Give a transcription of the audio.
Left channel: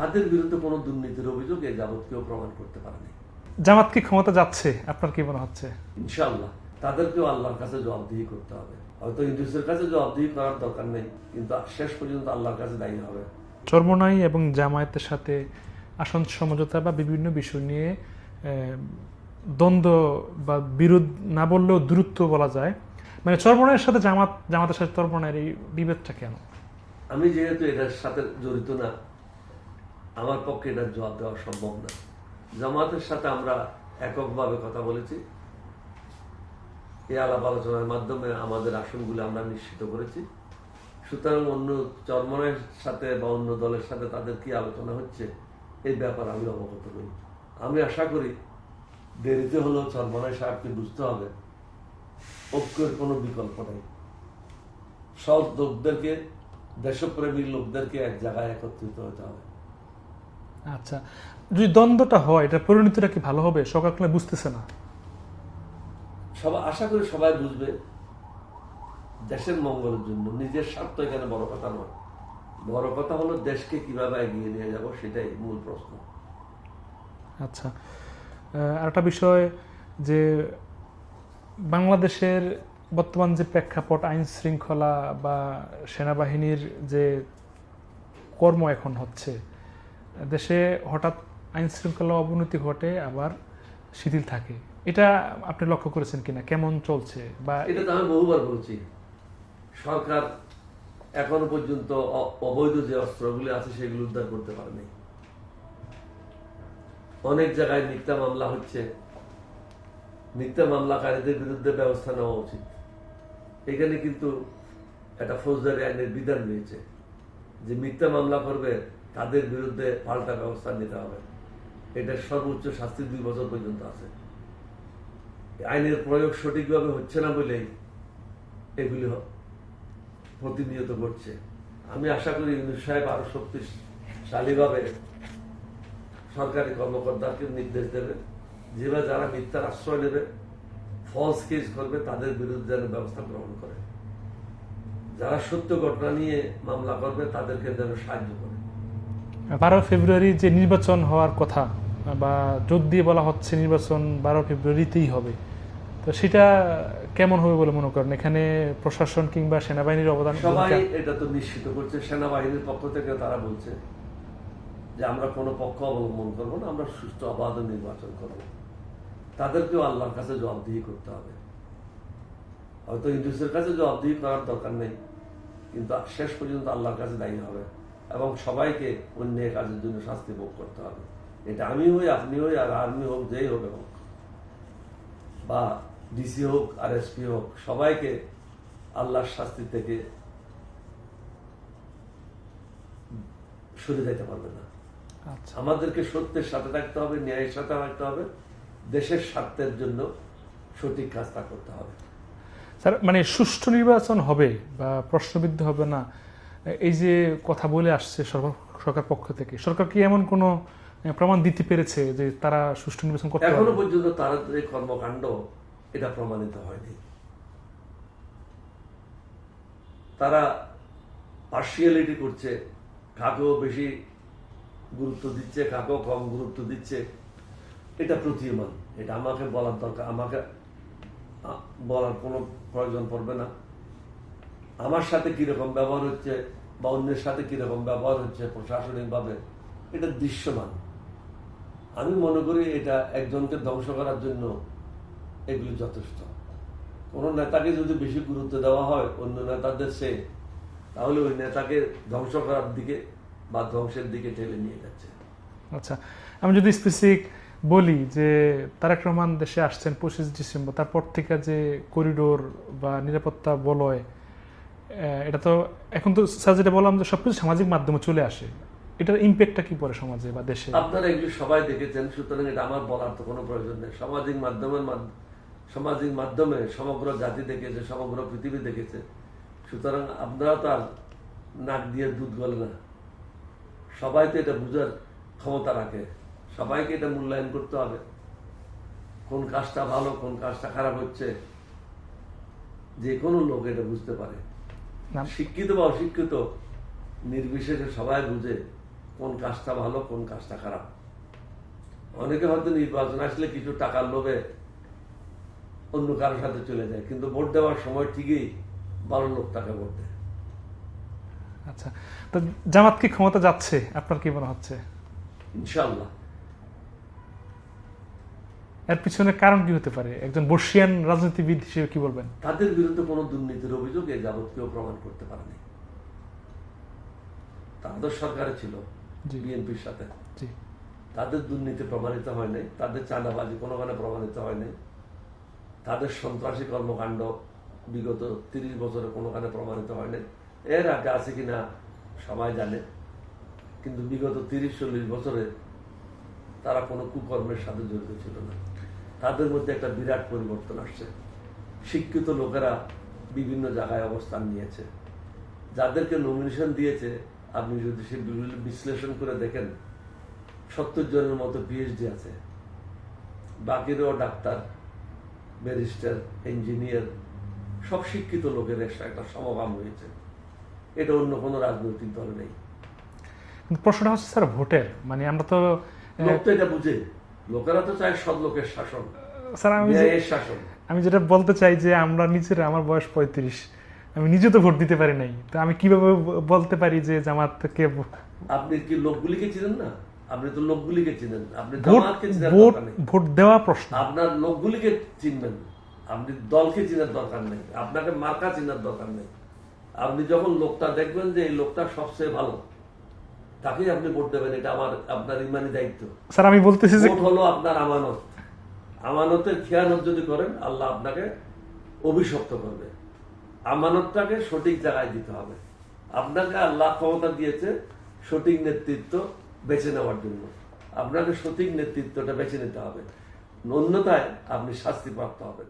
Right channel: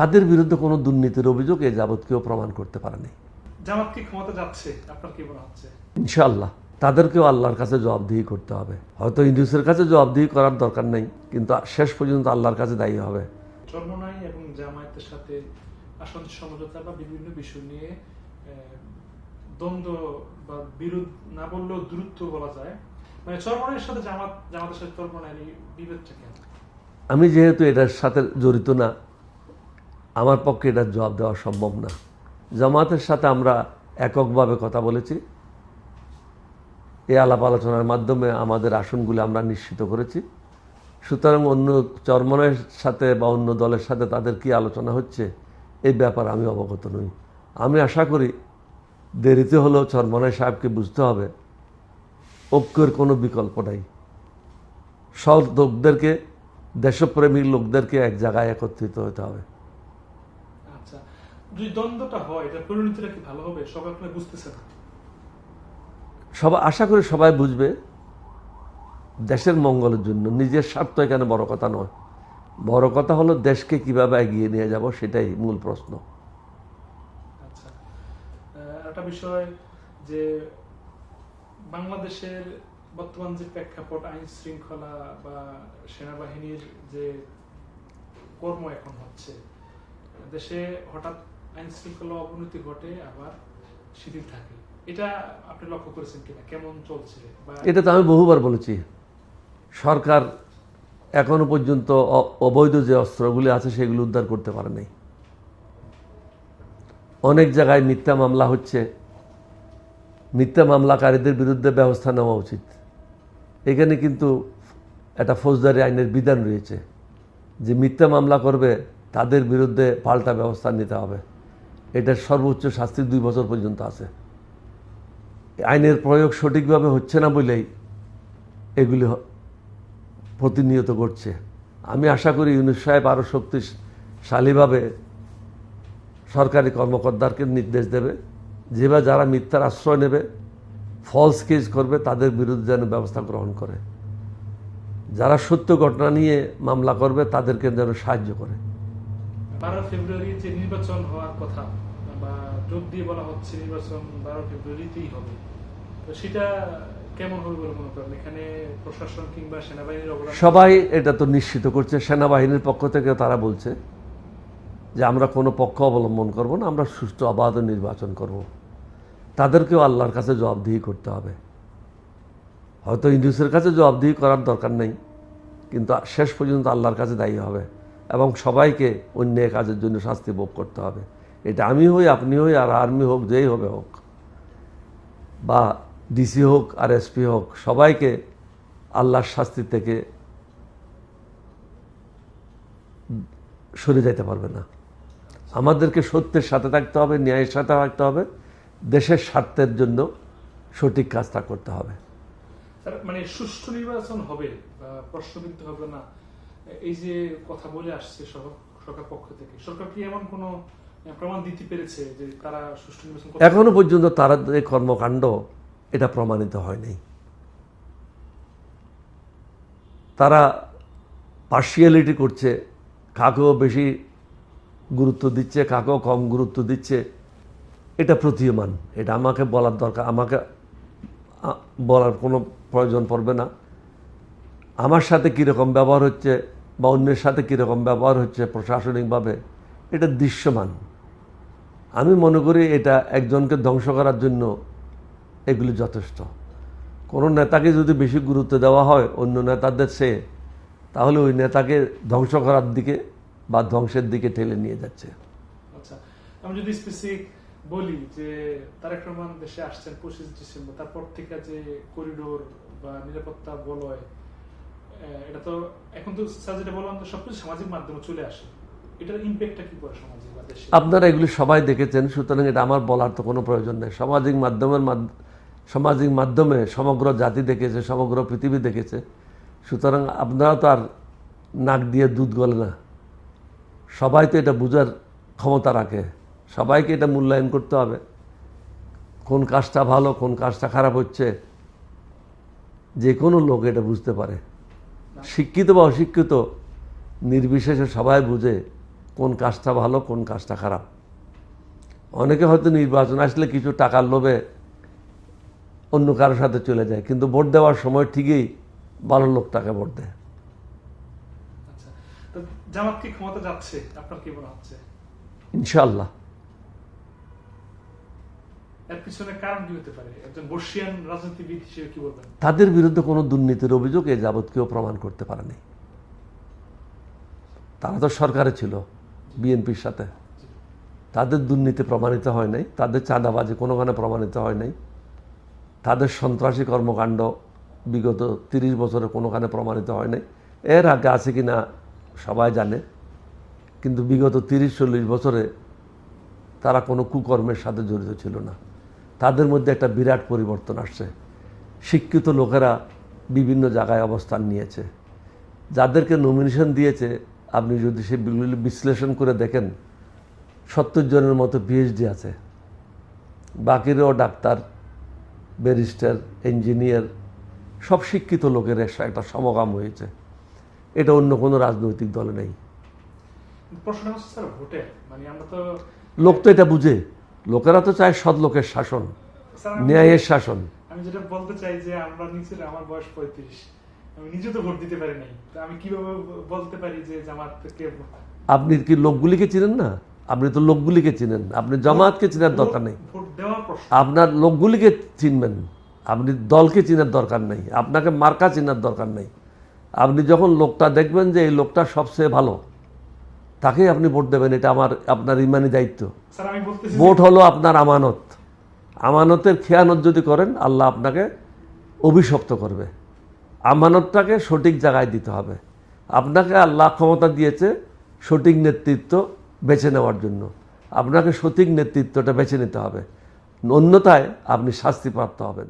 তাদের বিরুদ্ধে কোনো দুর্নীতির অভিযোগ এ যাবৎ কেউ প্রমাণ করতে পারেনি। জামাত কি ক্ষমতা যাচ্ছে আপনার কি মনে হচ্ছে? ইনশাআল্লাহ তাদেরকেও আল্লাহর কাছে জবাবদিহি করতে হবে। হয়তো ইউনূসের কাছে জবাবদিহি করার দরকার নেই, কিন্তু শেষ পর্যন্ত আল্লাহর কাছে দায়ী হবে। চরমোনাই এবং জামায়াতের সাথে আসন সমঝোতা বা বিভিন্ন বিষয় নিয়ে দ্বন্দ্ব বা বিরোধ না বললেও দূরত্ব বলা যায়, মানে চরমোনাইয়ের সাথে জামাতের সাথে চরমোনাইয়ের এই বিভেদটা কেন? আমি যেহেতু এটার সাথে জড়িত না, আমার পক্ষে এটার জবাব দেওয়া সম্ভব না। জামাতের সাথে আমরা এককভাবে কথা বলেছি, এই আলাপ আলোচনার মাধ্যমে আমাদের আসনগুলো আমরা নিশ্চিত করেছি। সুতরাং অন্য চরমনের সাথে বা অন্য দলের সাথে তাদের কি আলোচনা হচ্ছে এই ব্যাপারে আমি অবগত নই। আমি আশা করি দেরিতে হলেও চরমনের সাহেবকে বুঝতে হবে ঐক্যের কোনো বিকল্প নাই। সব লোকদেরকে, দেশপ্রেমিক লোকদেরকে এক জায়গায় একত্রিত হতে হবে। আচ্ছা, যদি দ্বন্দ্বটা হয় এটা পরিণতিটা কি ভালো হবে? সকালে বুঝতেছে না। সবাই আশা করি সবাই বুঝবে দেশের মঙ্গলের জন্য, নিজের স্বার্থ এখানে বড় কথা নয়। বড় কথা হলো দেশকে কিভাবে এগিয়ে নিয়ে যাব, সেটাই মূল প্রশ্ন। আচ্ছা, আরেকটা বিষয় যে বাংলাদেশের বর্তমান যে প্রেক্ষাপট, আইন শৃঙ্খলা বা সেনাবাহিনীর যে কর্ম এখন হচ্ছে, দেশে হঠাৎ আইন শৃঙ্খলা অবনতি ঘটে আবার শিথিল থাকে, এটা আপনি লক্ষ্য করেছেন কিনা? কেমন চলছে? বা এটা তো আমি বহুবার বলেছি, সরকার এখনো পর্যন্ত অবৈধ যে অস্ত্রগুলি আছে সেগুলো উদ্ধার করতে পারে নাই। অনেক জায়গায় মিথ্যা মামলা হচ্ছে, মিথ্যা মামলাকারীদের বিরুদ্ধে ব্যবস্থা নেওয়া উচিত। এখানে কিন্তু একটা ফৌজদারি আইনের বিধান রয়েছে যে মিথ্যা মামলা করবে তাদের বিরুদ্ধে পাল্টা ব্যবস্থা নিতে হবে। এটার সর্বোচ্চ শাস্তি 2 বছর পর্যন্ত আছে। আইনের প্রয়োগ সঠিকভাবে হচ্ছে না বলেই এগুলি প্রতিনিয়ত ঘটছে। আমি আশা করি ইউনূস সাহেব আরও শক্তিশালীভাবে সরকারি কর্মকর্তাকে নির্দেশ দেবে, যেভাবে যারা মিথ্যার আশ্রয় নেবে, ফলস কেস করবে, তাদের বিরুদ্ধে যেন ব্যবস্থা গ্রহণ করে। যারা সত্য ঘটনা নিয়ে মামলা করবে তাদেরকে যেন সাহায্য করে। 12 ফেব্রুয়ারি যে নির্বাচন হওয়ার কথা বা জোর দিয়ে বলা হচ্ছে নির্বাচন 12 ফেব্রুয়ারিতেই হবে, তো সেটা কেমন হবে বলে মনে করেন? এখানে প্রশাসন কিংবা সেনাবাহিনীর অবদান? সবাই এটা তো নিশ্চিত করছে, সেনাবাহিনীর পক্ষ থেকে তারা বলছে যে আমরা কোনো পক্ষ অবলম্বন করব না, আমরা সুষ্ঠু অবাধ নির্বাচন করব। তাদেরকেও আল্লাহর কাছে জবাবদিহি করতে হবে। হয়তো ইউনূসের কাছে জবাবদিহি করার দরকার নেই, কিন্তু শেষ পর্যন্ত আল্লাহর কাছে দায়ী হবে এবং সবাইকে অন্যায় কাজের জন্য শাস্তি ভোগ করতে হবে। এটা আমি হই, আপনি হই, আর আর্মি হোক, যেই হবে হোক, বা ডিসি হোক আর এসপি হোক, সবাইকে আল্লাহর শাস্তি থেকে সরে যেতে পারবে না। আমাদেরকে সত্যের সাথে থাকতে হবে, ন্যায়ের সাথে থাকতে হবে, দেশের স্বার্থের জন্য সঠিক কাজটা করতে হবে। স্যার, মানে সুষ্ঠু নির্বাচন হবে বা প্রশ্নবিদ্ধ হবে না, এই যে কথা বলে আসছে সরকার পক্ষ থেকে, সরকার কি এমন কোনো প্রমাণ দিতে পেরেছে যে তারা সুষ্ঠু নির্বাচন করতে? এখনো পর্যন্ত তারা যে কর্মকাণ্ড, এটা প্রমাণিত হয়নি। তারা পার্সিয়ালিটি করছে, কাকেও বেশি গুরুত্ব দিচ্ছে, কাকেও কম গুরুত্ব দিচ্ছে, এটা প্রতীয়মান। এটা আমাকে বলার দরকার, আমাকে বলার কোনো প্রয়োজন পড়বে না। আমার সাথে কীরকম ব্যবহার হচ্ছে বা অন্যের সাথে কীরকম ব্যবহার হচ্ছে প্রশাসনিকভাবে, এটা দৃশ্যমান। আমি মনে করি এটা একজনকে ধ্বংস করার জন্য এগুলি যথেষ্ট। কোনো নেতাকে যদি বেশি গুরুত্ব দেওয়া হয় অন্য নেতাদের চেয়ে, তাহলে ওই নেতাকে ধ্বংস করার দিকে বা ধ্বংসের দিকে ঠেলে নিয়ে যাচ্ছে। আচ্ছা, আমি যদি স্পেসিফিক বলি যে তারেক রহমান দেশে আসছেন 25 ডিসেম্বর, তারপর থেকে যে করিডোর বা নিরাপত্তা বলয়, এটা তো এখন তো স্যার যেটা বললাম যে সবকিছু সামাজিক মাধ্যমে চলে আসে, এটার ইম্প্যাক্টটা কি পড়ে সমাজে বা দেশে? আপনারা এগুলি সবাই দেখেছেন, সুতরাং এটা আমার বলার তো কোনো প্রয়োজন নেই। সামাজিক মাধ্যমে সমগ্র জাতি দেখেছে, সমগ্র পৃথিবী দেখেছে। সুতরাং আপনারা তো আর নাক দিয়ে দুধ গলে না। সবাই তো এটা বুঝার ক্ষমতা রাখে, সবাইকে এটা মূল্যায়ন করতে হবে, কোন কাজটা ভালো কোন কাজটা খারাপ হচ্ছে। যে কোনো লোক এটা বুঝতে পারে, শিক্ষিত বা অশিক্ষিত নির্বিশেষে সবাই বুঝে কোন কাজটা ভালো কোন কাজটা খারাপ। অনেকে হয়তো নির্বাচন আসলে কিছু টাকার লোভে অন্য কারোর সাথে চলে যায়, কিন্তু ভোট দেওয়ার সময় ঠিকই ভালো লোকটাকে ভোট দেয়। আচ্ছা, তো জামাত কি ক্ষমতা যাচ্ছে আপনার কি মনে হচ্ছে? ইনশাআল্লাহ। এর পিছনে কারণ কি হতে পারে? একজন বর্ষিয়ান রাজনীতিবিদ হিসেবে কি বলবেন? তাদের বিরুদ্ধে কোনো দুর্নীতির অভিযোগ এ যাবৎ কেউ প্রমাণ করতে পারেনি। তারা তো সরকারে ছিল জি। বিএনপির সাথে, জি। তাদের দুর্নীতি প্রমাণিত হয় নাই, তাদের চাঁদাবাজি কোনোখানে প্রমাণিত হয় নাই, তাদের সন্ত্রাসী কর্মকাণ্ড বিগত 30 বছরে কোনোখানে প্রমাণিত হয় নাই। এর আগে আছে কিনা সবাই জানে, কিন্তু বিগত 30-40 বছরে তারা কোনো কুকর্মের সাথে জড়িত ছিল না। তাদের মধ্যে একটা বিরাট পরিবর্তন আসছে। শিক্ষিত লোকেরা বিভিন্ন জায়গায় অবস্থান নিয়েছে। যাদেরকে নমিনেশন দিয়েছে আপনি যদি সে বিশ্লেষণ করে দেখেন 70 জনের মতো পিএইচডি আছে, বাকিরাও ডাক্তার, ব্যারিস্টার, ইঞ্জিনিয়ার, সব শিক্ষিত লোকের একটা সমাগম হয়েছে। এটা অন্য কোনো রাজনৈতিক দলে নেই। কিন্তু প্রশ্নটা হচ্ছে স্যার ভোটের, মানে আমরা তো লোক তো এটা বুঝে, লোকেরা তো চায় সৎ লোকের শাসন, স্যার ন্যায়ের শাসন। আমি যেটা বলতে চাই যে আমরা নিজেরা, আমার বয়স 35, আমি নিজে তো ভোট দিতে পারি নাই, তো আমি কিভাবে বলতে পারি যে জামাতকে? আপনি কি লোকগুলিকে চিনেন না? আপনি তো লোকগুলিকে চিনেন, আপনি জামাতকে চিনার দরকার নেই। ভোট দেওয়া প্রশ্ন, আপনার লোকগুলিকে চিনবেন, আপনি দলকে চিনার দরকার নেই, আপনাকে মার্কা চিনার দরকার নেই। আপনি যখন লোকটা দেখবেন যে এই লোকটা সবচেয়ে ভালো, তাকেই আপনি ভোট দেবেন। এটা আপনার ইমানি দায়িত্ব। স্যার আমি বলতেছি যে ভোট হলো আপনার আমানত। আমানতের খেয়ানত যদি করেন আল্লাহ আপনাকে অভিশপ্ত করবে। আমানতটাকে সঠিক জায়গায় দিতে হবে। আপনাকে আল্লাহ ক্ষমতা দিয়েছে সঠিক নেতৃত্ব বেছে নেওয়ার জন্য। আপনাকে সঠিক নেতৃত্বটা বেছে নিতে হবে, অন্যথায় আপনি শাস্তিপ্রাপ্ত হবেন।